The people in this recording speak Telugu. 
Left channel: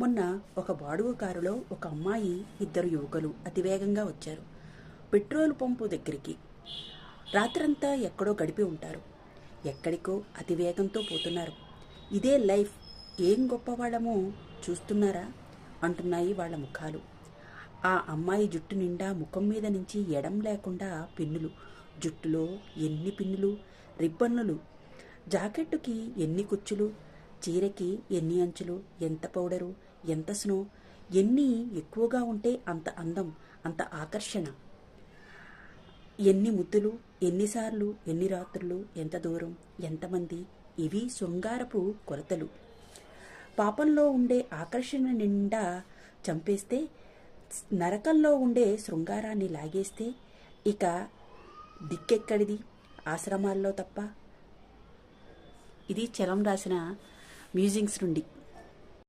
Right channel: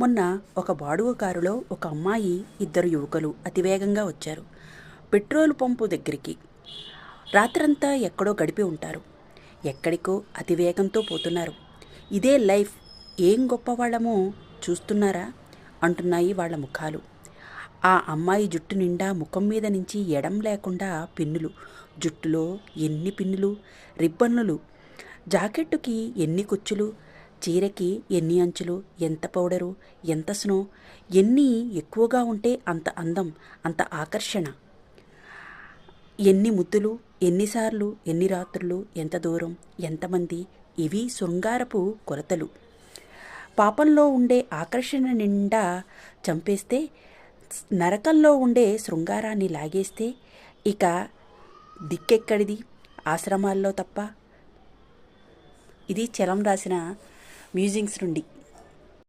మొన్న ఒక బాడుగ కారులో ఒక అమ్మాయి, ఇద్దరు యువకులు అతివేగంగా వచ్చారు పెట్రోల్ పంపు దగ్గరికి. రాత్రంతా ఎక్కడో గడిపి ఉంటారు. ఎక్కడికో అతివేగంతో పోతున్నారు. ఇదే లైఫ్, ఏం గొప్పవాళ్ళమో చూస్తున్నారా అంటున్నాయి వాళ్ళ ముఖాలు. ఆ అమ్మాయి జుట్టు నిండా ముఖం మీద నుంచి ఎడం లేకుండా పిన్నులు. జుట్టులో ఎన్ని పిన్నులు, రిబ్బన్నులు. జాకెట్టుకి ఎన్ని కుచ్చులు, చీరకి ఎన్ని అంచులు, ఎంత పౌడరు, ఎంత స్నో. ఎన్ని ఎక్కువగా ఉంటే అంత అందం, అంత ఆకర్షణ. ఎన్ని ముద్దులు, ఎన్నిసార్లు, ఎన్ని రాత్రులు, ఎంత దూరం, ఎంతమంది. ఇవి శృంగారపు కొలతలు. పాపంలో ఉండే ఆకర్షణ నిండా చంపేస్తే, నరకంలో ఉండే శృంగారాన్ని లాగేస్తే ఇక దిక్కెక్కడిది? ఆశ్రమాల్లో తప్ప. ఇది చలం రాసిన మ్యూజింగ్స్ నుండి.